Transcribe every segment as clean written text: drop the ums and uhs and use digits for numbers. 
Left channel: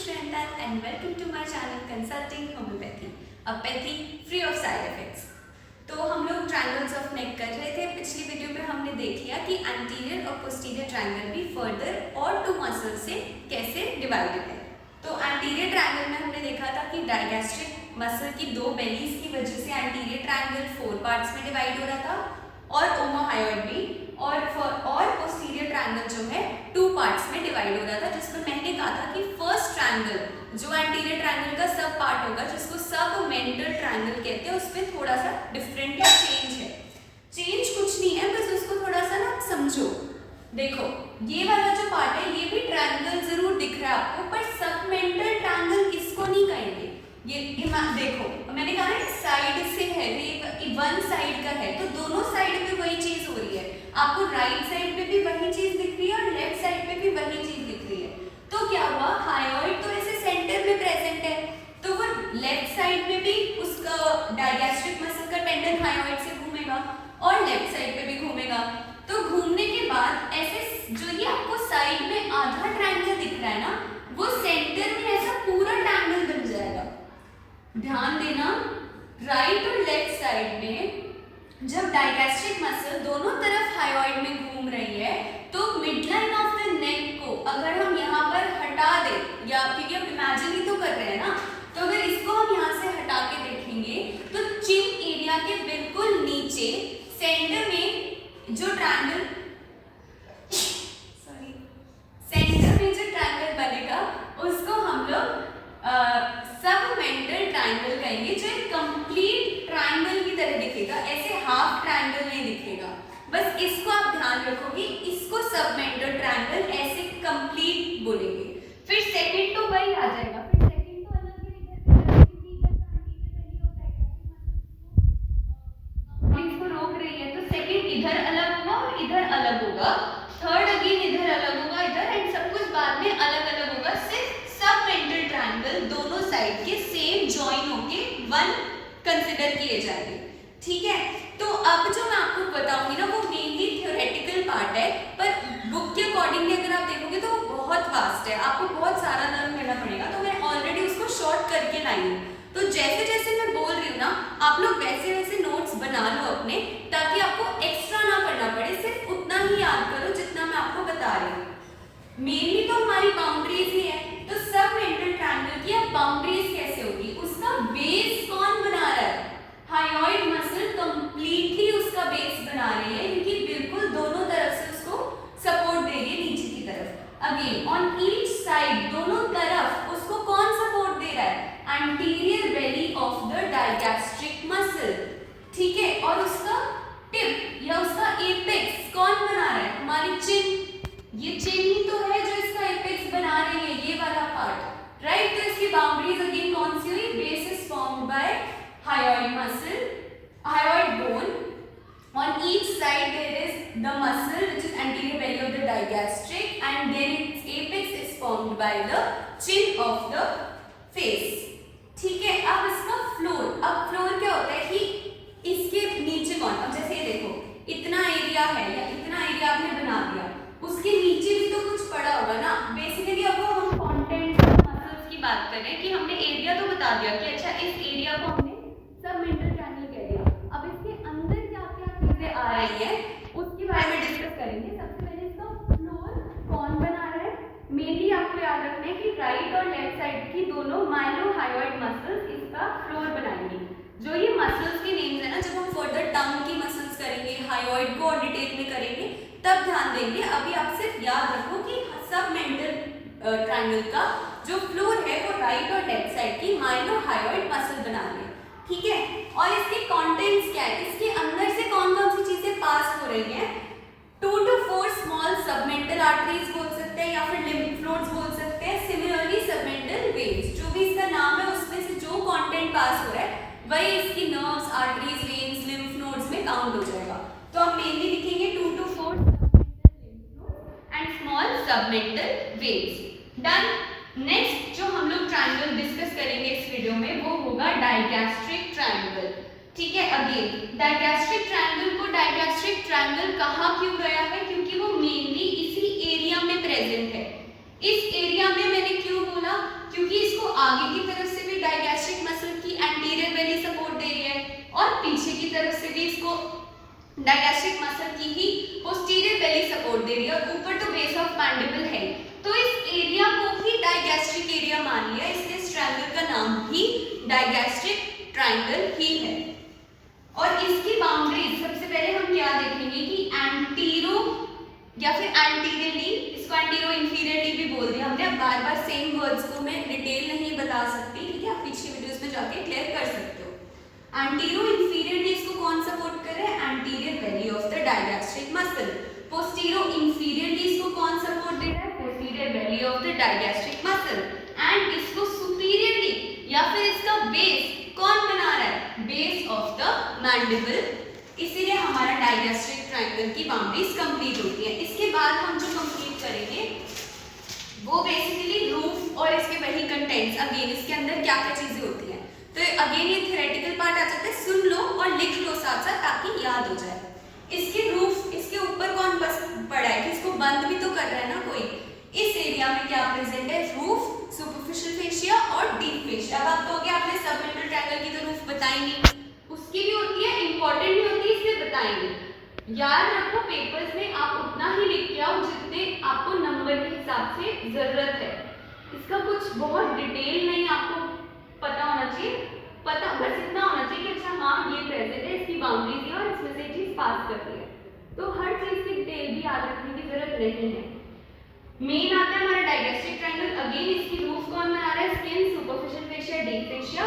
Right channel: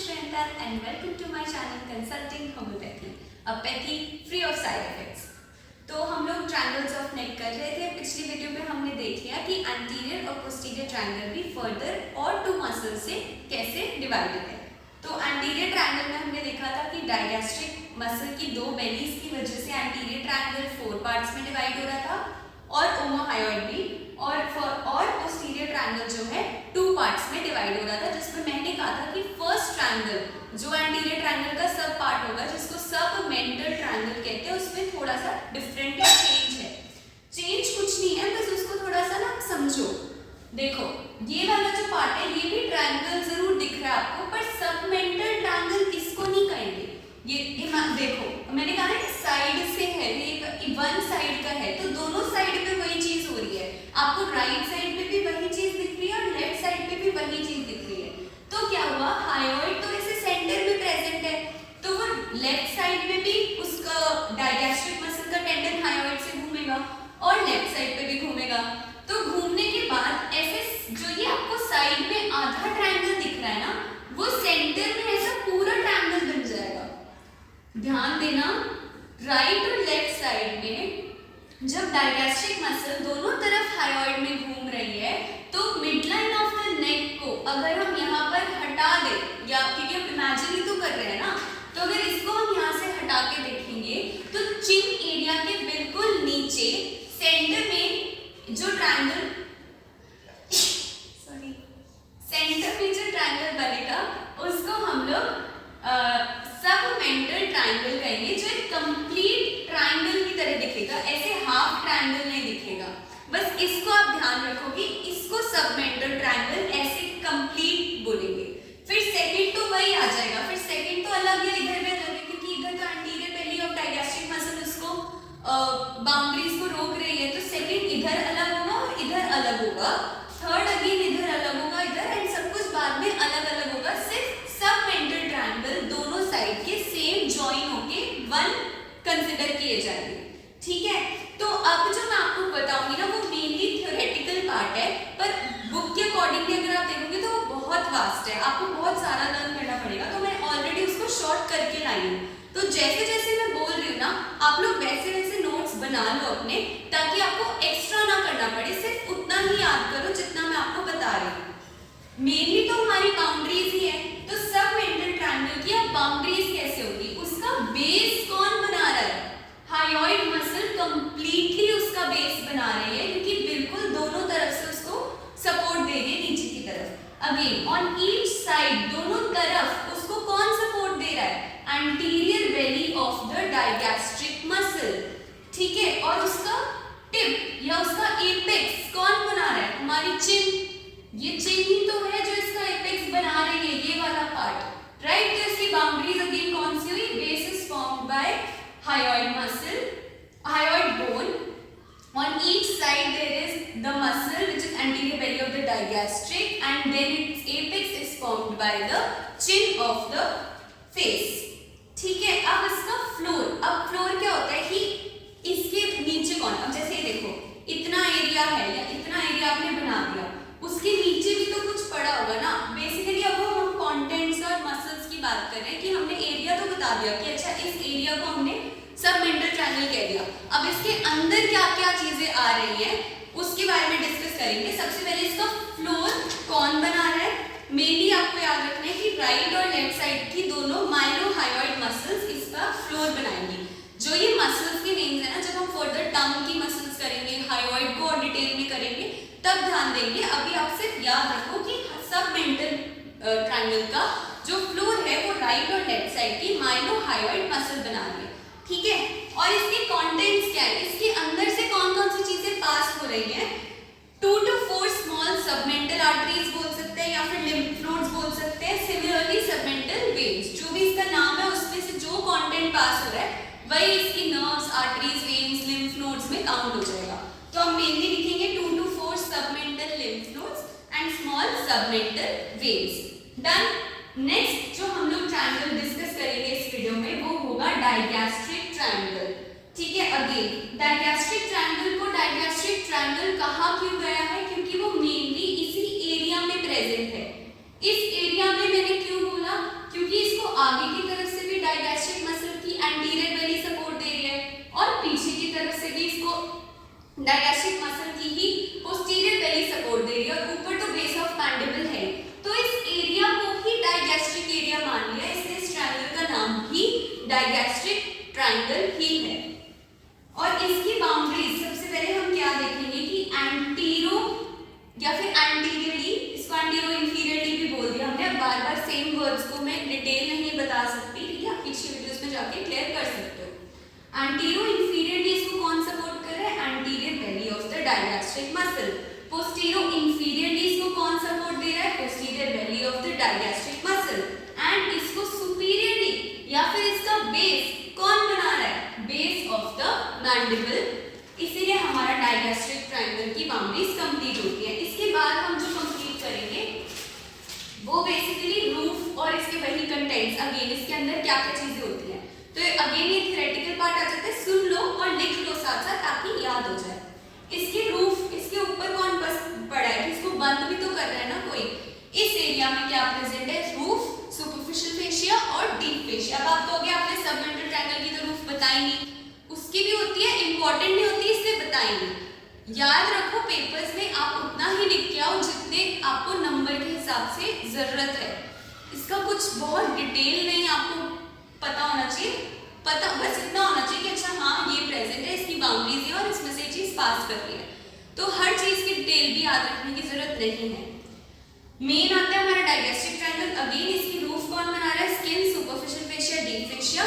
Shrinta and welcome to my channel Consulting Homeopathy, a pathy free of side effects। तो हम लोग triangles of neck कर रहे थे। पिछली वीडियो पे हमने देख लिया कि एंटीरियर और पोस्टीरियर ट्रायंगल भी फर्दर और टू मसल से कैसे डिवाइडेड है। तो एंटीरियर ट्रायंगल में हमने देखा था कि डायगैस्ट्रिक मसल की दो बेलीज की वजह से एंटीरियर ट्रायंगल 4 पार्ट्स में डिवाइड हो रहा था और ओमोहायोइड भी, और पोस्टीरियर ट्रायंगल जो है 2 पार्ट्स में डिवाइड हो रहा था, जिसमें मैंने कहा था कि फर्स्ट ट्रायंगल जो एंटीरियर ट्रायंगल का सब पार्ट होगा, जिसको सबमेंटल ट्रायंगल कहते हैं, उसमें थोड़ा सा डिफरेंट या चेंज है। चेंज कुछ नहीं है, बस उसको थोड़ा सा ना समझो। देखो ये वाला जो पार्ट है ये भी ट्रायंगल जरूर दिख रहा है आपको, पर सबमेंटल ट्रायंगल इसको नहीं कहेंगे। ये देखो मैंने कहा ना साइड से है, ये वन साइड का है, तो दोनों साइड पे वही चीज हो रही है। आपको राइट साइड पे भी वही चीज दिख रही है और लेफ्ट साइड पे भी वही चीज दिख रही है। तो क्या हुआ, हायोइड तो ऐसे सेंटर में प्रेजेंट है, तो वो लेफ्ट साइड में भी उसका डायगैस्ट्रिक मसल का टेंडन हायोइड से घूमेगा और लेफ्ट साइड पे भी घूमेगा। तो घूमने के बाद ऐसे जो ये आपको साइड में आधा ट्रायंगल दिख रहा है ना, वो सेंटर में ऐसा पूरा ट्रायंगल बन जाएगा। ध्यान देना, राइट और लेफ्ट साइड में जब डायगैस्ट्रिक मसल दोनों तरफ हायोइड में घूम रही है, तो मिडलाइन ऑफ द नेक को अगर हम यहाँ पर हटा दें, या क्योंकि हम इमेजिन तो कर रहे हैं ना, तो अगर इसको हम यहाँ से हटा के देखेंगे तो चिन एरिया के बिल्कुल नीचे सेंटर में जो ट्रायंगल बनेगा उसको हम लोग सबमेंटल ट्रायंगल कहेंगे, जो एक कंप्लीट ट्रायंगल की तरह दिखेगा, ऐसे हाफ ट्रायंगल नहीं दिखेगा। बस इसको आप ध्यान रखोगे, इसको सबमेंटल ट्रायंगल ऐसे कंप्लीट बोलेंगे। फिर सेकंड तो वही आ जाएगा, फिर सेकंड तो अलग है, इधर भी अलग है, क्योंकि इधर तो anterior belly of digastric muscle उसको बाउंड्रीज को रोक रही है, तो सेकंड इधर अलग होगा और इधर अलग होगा। थर्ड अगेन इधर अलग होगा, इधर, एंड सब कुछ बाद में अलग अलग होगा। सिर्फ सबमेंटल ट्रायंगल दोनों साइड के सेम जॉइन होके वन कंसीडर किए जाएंगे। ठीक है, तो अब जो मैं आपको बताऊंगी ना वो मेनली थ्योरेटिकल पार्ट है, पर बुक के अकॉर्डिंगली अगर आप देखोगे तो वो बहुत वास्ट है, आपको बहुत सारा लर्न करना पड़ेगा। तो मैं ऑलरेडी उसको शॉर्ट करके लाई हूँ, तो जैसे जैसे मैं बोल रही हूँ ना, आप लोग वैसे वैसे नोट्स बना लो अपने, ताकि आपको एक्स्ट्रा ना करना पड़े, सिर्फ उतना ही याद करो जितना मैं आपको बता रही हूँ। मेनली तो हमारी बाउंड्रीज ही है, तो सबमेंटल ट्रायंगल की अब बाउंड्रीज कैसे होगी, उसका बेस कौन बना रहा है? हायोइड मसल कंप्लीटली उसका बेस बना रही है, क्योंकि बिल्कुल दोनों तरफ से उसको सपोर्ट दे रही है नीचे की तरफ। अगेन ऑन ईच साइड, दोनों तरफ उसको कौन सपोर्ट दे रहा है? Anterior belly of the digastric muscle. ठीक है, और उसका टिप या उसका एपेक्स कौन बना रहा है? हमारी चिन। ये चिन ही तो है जो इसका एपेक्स बना रही है, ये वाला पार्ट, राइट। तो इसकी बाउंड्रीज अगेन कौन सी हुई? Base is formed by hyoid muscle, hyoid bone. On each side there is the muscle which is anterior belly of the digastric, and then its apex is formed by the chin of the face. ठीक है, अब इसका floor, अब floor क्या होता है कि इसके नीचे कौन, अब जैसे ये देखो इतना एरिया है या इतना एरिया आपने बना दिया, उसके नीचे भी तो कुछ पड़ा होगा ना। बेसिकली अब हम कंटेंट्स और मसल्स की बात कर रहे हैं कि हमने एरिया तो बता दिया कि अच्छा इस एरिया को हमने सबमेंटल ट्रायंगल कह दिया। अब इसके अंदर क्या क्या चीजें आ रही है उसके बारे में डिस्कस करेंगे। सबसे पहले इसका फ्लोर कौन बना रहा है? मेनली आपको याद रखना है कि राइट और लेफ्ट साइड की दोनों माइलोहायोइड मसल्स इसका फ्लोर बनाएंगी। जो ये मसल्स के नेम्स है ना, जब हम फर्दर टंग की मसल्स करेंगे, हायोइड को और डिटेल में करेंगे तब ध्यान देंगे। अभी आप सिर्फ याद रखो कि सबमेंटल ट्रायंगल का जो फ्लोर है वो राइट और लेफ्ट साइड की माइलोहायोइड मसल बना रही है। ठीक है, और इसके कंटेंट्स क्या है, इसके अंदर से कौन कौन सी चीजें पास हो रही हैं? 2 to 4 स्मॉल सबमेंटल आर्टरीज बोल सकते हैं, या फिर लिम्फ नोड्स बोल सकते हैं। सिमिलरली सबमेंटल वेन्स, जो भी इसका नाम है उसमें से जो कंटेंट पास हो रहा है वही इसकी nerves, arteries, veins, lymph nodes में काउंट हो जाएगा। तो हम मेनली लिखेंगे 2 to 4 submental lymph nodes and small submental veins. Done. Next जो हम लोग ट्रायंगल डिस्कस करेंगे इस वीडियो में वो होगा डायगैस्ट्रिक ट्रायंगल। ठीक है, अगेन डायगैस्ट्रिक ट्रायंगल को डायगैस्ट्रिक ट्रायंगल कहा क्यों गया है? क्योंकि वो मेनली इसी एरिया में प्रेजेंट है। इस एरिया में मैंने क्यों बोला? आगे की तरफ से भी डायगैस्ट्रिक मसल की एंटीरियर बेली सपोर्ट दे रही है और पीछे की तरफ से भी इसको डायगैस्ट्रिक मसल की ही पोस्टीरियर बेली सपोर्ट दे रही है और ऊपर तो बेस ऑफ मैंडिबल है। तो इस एरिया को ही डायगैस्ट्रिक एरिया मान लिया, इसलिए इस ट्रायंगल का नाम भी डायगैस्ट्रिक ट्रायंगल ही है। और इसकी बाउंड्रीज सबसे पहले हम क्या देखेंगे कि एंटीरो या फिर एंटीरियरली, इसको एंटीरो इंफीरियरली भी बोल दिया हमने। अब बार बार सेम वर्ड्स को मैं डिटेल नहीं बता सकती, ठीक है, आप पिछली वीडियोस में जाके क्लियर कर सकते हो। एंटीरो इंफीरियरली इसको कौन सपोर्ट कर रहा है? Anterior belly of the digastric muscle. Postero inferiorly इसको कौन सपोर्ट दे रहा है? Posterior belly of the digastric muscle. And इसको सुपीरियरली या फिर इसका बेस कौन बना रहा है? Base of the mandible. इसीलिए हमारा डायगैस्ट्रिक ट्रायंगल की बाउंड्रीज कंप्लीट होती है। इसके बाद हम जो कंप्लीट करेंगे वो बेसिकली रूफ और इसके वही कंटेंट्स, अगेन इसके अंदर क्या क्या चीजें होती हैं। तो अगेन ये थ्योरेटिकल पार्ट आ जाता है, सुन लो और लिख लो साथ साथ ताकि याद हो जाए। इसके रूफ, इसके ऊपर कौन बस पड़ा है कि इसको बंद भी तो कर रहा है ना कोई। इस एरिया में क्या प्रेजेंट है? रूफ, सुपरफिशियल फेशिया और डीप फेशिया। अब आप कहोगे आपने सबमेंटल ट्रायंगल की तो रूफ बताई नहीं, उसकी भी होती है, इंपॉर्टेंट नहीं होती इसलिए बताएंगे। याद रखो पेपर्स में आप उतना ही लिख के आओ जितने आपको नंबर के हिसाब से जरूरत है। इसका कुछ बहुत डिटेल नहीं आपको पता होना चाहिए, पता बस इतना होना चाहिए कि अच्छा हाँ ये प्रेजेंट है, इसकी बाउंड्रीज है और इसमें से चीज पास कर रही है। तो हर चीज की डिटेल भी याद रखने की जरूरत नहीं है। मेन आता है हमारा डायगैस्ट्रिक ट्रायंगल। अगेन इसकी रूफ कौन बना रहा है? Skin, superficial fascia, deep fascia,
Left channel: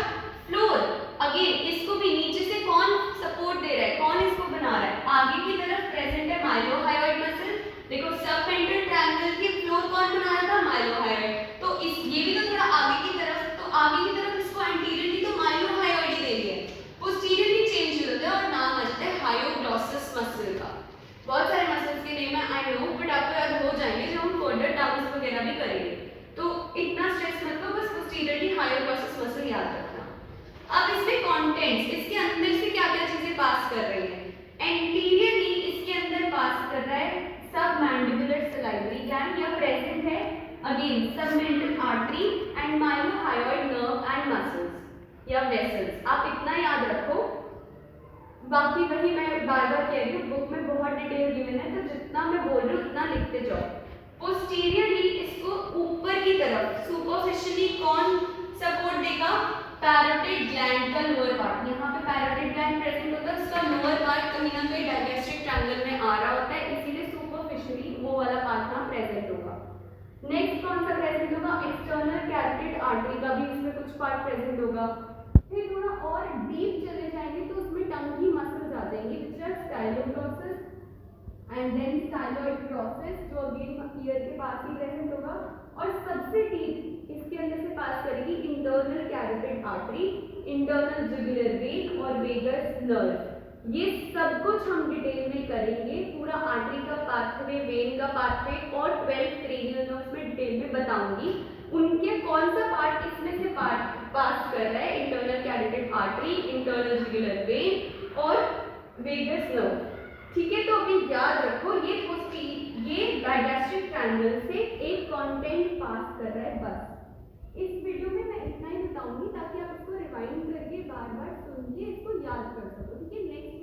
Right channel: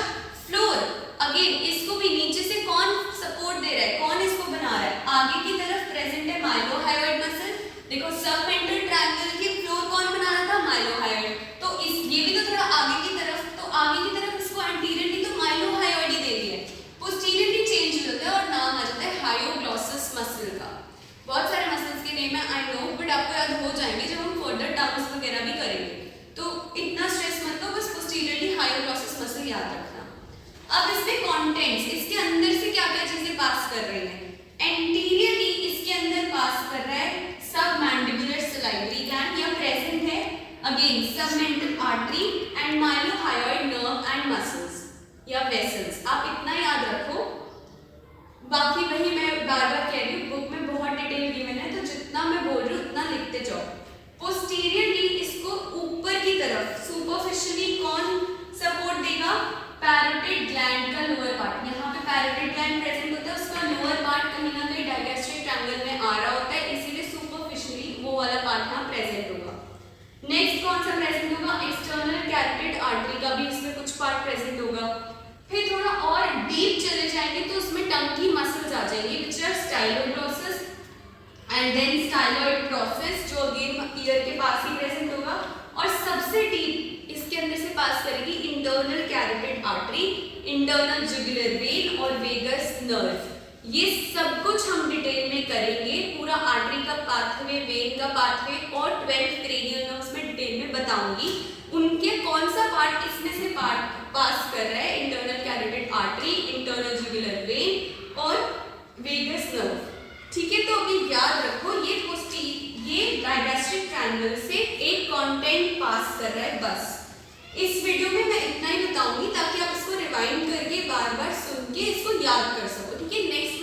floor. Again इसको भी नीचे से कौन सपोर्ट दे रहा है? कौन इसको बना रहा है? आगे की तरफ प्रेजेंट है माइलोहायोइड मसल। देखो सबमेंटल ट्रायंगल के फ्लोर कौन बना रहा था? माइलोहायोइड। तो इस ये भी तो थोड़ा आगे की तरफ, तो आगे की तरफ इसको एंटीरियरली तो माइलोहायोइड ही दे दिया है, पोस्टीरियरली चेंज हो जाता है और नाम आ जाता है हायोग्लॉसस मसल का। बहुत सारे मसल्स के नेम है आई नो, बट आपको याद हो जाएंगे जब हम फर्दर टर्म्स वगैरह भी करेंगे। तो इतना स्ट्रेस मत लो, बस पोस्टीरियरली हायोग्लॉसस मसल याद रखना। अब इसमें कंटेंट्स, इसके अंदर से क्या क्या चीजें पास कर रही हैं? एंटीरियरली इसके अंदर पास कर रहा है सबमैंडिबुलर सलाइवरी ग्लैंड या प्रेजेंट है। Again submental artery and mylohyoid nerve and muscles या वेसल्स। आप इतना याद रखो, बाकी वही मैं बार बार कह रही हूँ बुक में बहुत डिटेल गिवन है, तो जितना मैं बोल रही हूँ उतना लिखते जाओ। पोस्टीरियरली इसको ऊपर की तरफ सुपरफिशियली कौन सपोर्ट देगा? पैरोटिड ग्लैंड का लोअर पार्ट। यहाँ पे पैरोटिड ग्लैंड प्रेजेंट होता है, उसका लोअर पार्ट कहीं ना कहीं डायगैस्ट्रिक ट्रायंगल में आ रहा होता है, इसीलिए सुपरफिशियली वो वाला पार्ट यहाँ प्रेजेंट होगा। नेक्स्ट कौन सा प्रेजेंट होगा? एक्सटर्नल कैरोटिड आर्टरी का भी इसमें कुछ पार्ट प्रेजेंट होगा। फिर थोड़ा और डीप चले जाएंगे तो उसमें टंग की मसल्स आ जाएंगी which are styloglossus and then styloid process जो अगेन ईयर के पास ही प्रेजेंट होगा। और सबसे डीप इसके अंदर से पास करेगी internal carotid artery, internal jugular vein और वेगस नर्व। ये सब कुछ हम डिटेल में करेंगे, पूरा आर्टरी का पाथवे, वेन का पाथवे और 12 क्रेनियल नर्व्स में डिटेल में बताऊंगी। उनके कौन सा पार्ट इसमें से पार्ट पास कर रहा है? Internal carotid artery, internal jugular vein और वेगस नर्व। ठीक है, तो अभी याद रखो ये डायगैस्ट्रिक ट्रायंगल से एक कंटेंट पास कर रहा है बस। इस वीडियो में मैं इतना ही बताऊंगी ताकि आप इसको रिवाइंड करके बार बार सुन के इसको याद कर सको। ठीक है, नेक्स्ट